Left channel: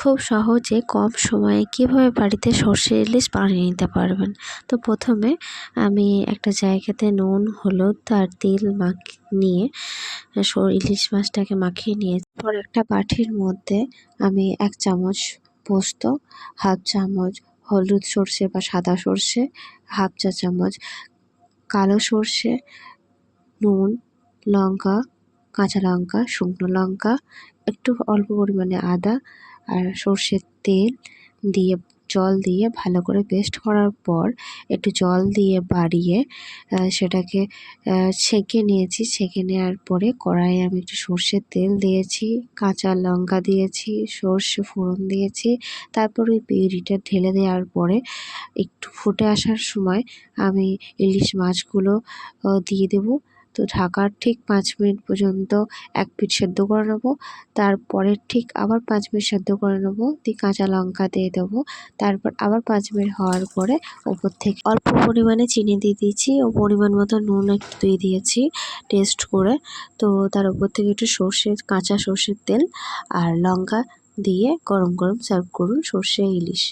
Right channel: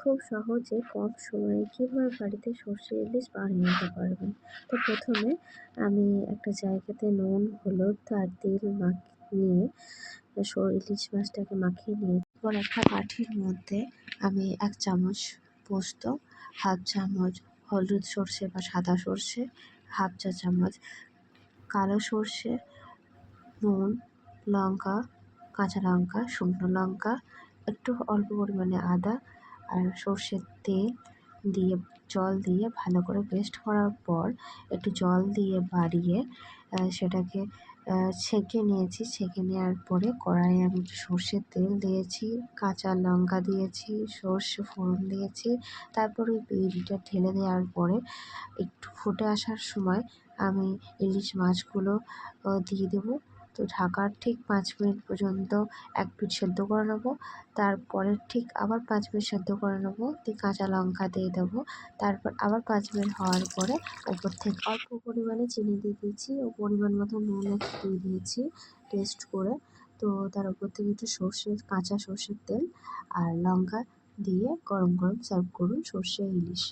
খুব সহজে কম সময়ে কিভাবে বাড়িতে সর্ষে ইলিশ বানিয়ে নিতে পারবেন। তো প্রথমে আমি একটা জায়গাতে নুন, হলুদ আর তেল নিয়ে ইলিশ মাছটাকে মাখিয়ে নিয়ে পর একটা বাটির মধ্যে আমি 1 চামচ পোস্ত, হাফ চামচ হলুদ সর্ষে বা সাদা সর্ষে, হাফ চা চামচ কালো সর্ষে, নুন, লঙ্কা, কাঁচা লঙ্কা, শুকনো লঙ্কা, একটু অল্প পরিমাণে আদা আর সর্ষের তেল দিয়ে জল দিয়ে ভালো করে পেস্ট করার পর একটু জল দিয়ে বাড়িয়ে সেটাকে ছেঁকে নিয়েছি। ছেঁকে নেওয়ার পরে কড়াইয়ে আমি একটু সর্ষের তেল দিয়েছি, কাঁচা লঙ্কা দিয়েছি, সর্ষে ফোড়ন দিয়েছি। তারপর ওই পিউরিটা ঢেলে দেওয়ার পরে একটু ফুটে আসার সময় আমি ইলিশ মাছগুলো দিয়ে দেবো। তো ঢাকার ঠিক 5 মিনিট পর্যন্ত এক পিঠ সেদ্ধ করে নেবো। তারপরে ঠিক আবার 5 মিনিট সেদ্ধ করে নেবো। দিয়ে কাঁচা লঙ্কা দিয়ে দেবো। তারপর আবার 5 মিনিট হওয়ার পরে ওপর থেকে অল্প পরিমাণে চিনি দিয়ে দিয়েছি ও পরিমাণ মতো নুন একটু দিয়ে দিয়েছি টেস্ট করে। তো তার উপর থেকে একটু কাঁচা সর্ষের তেল আর লঙ্কা দিয়ে গরম গরম সার্ভ করুন সর্ষে ইলিশ।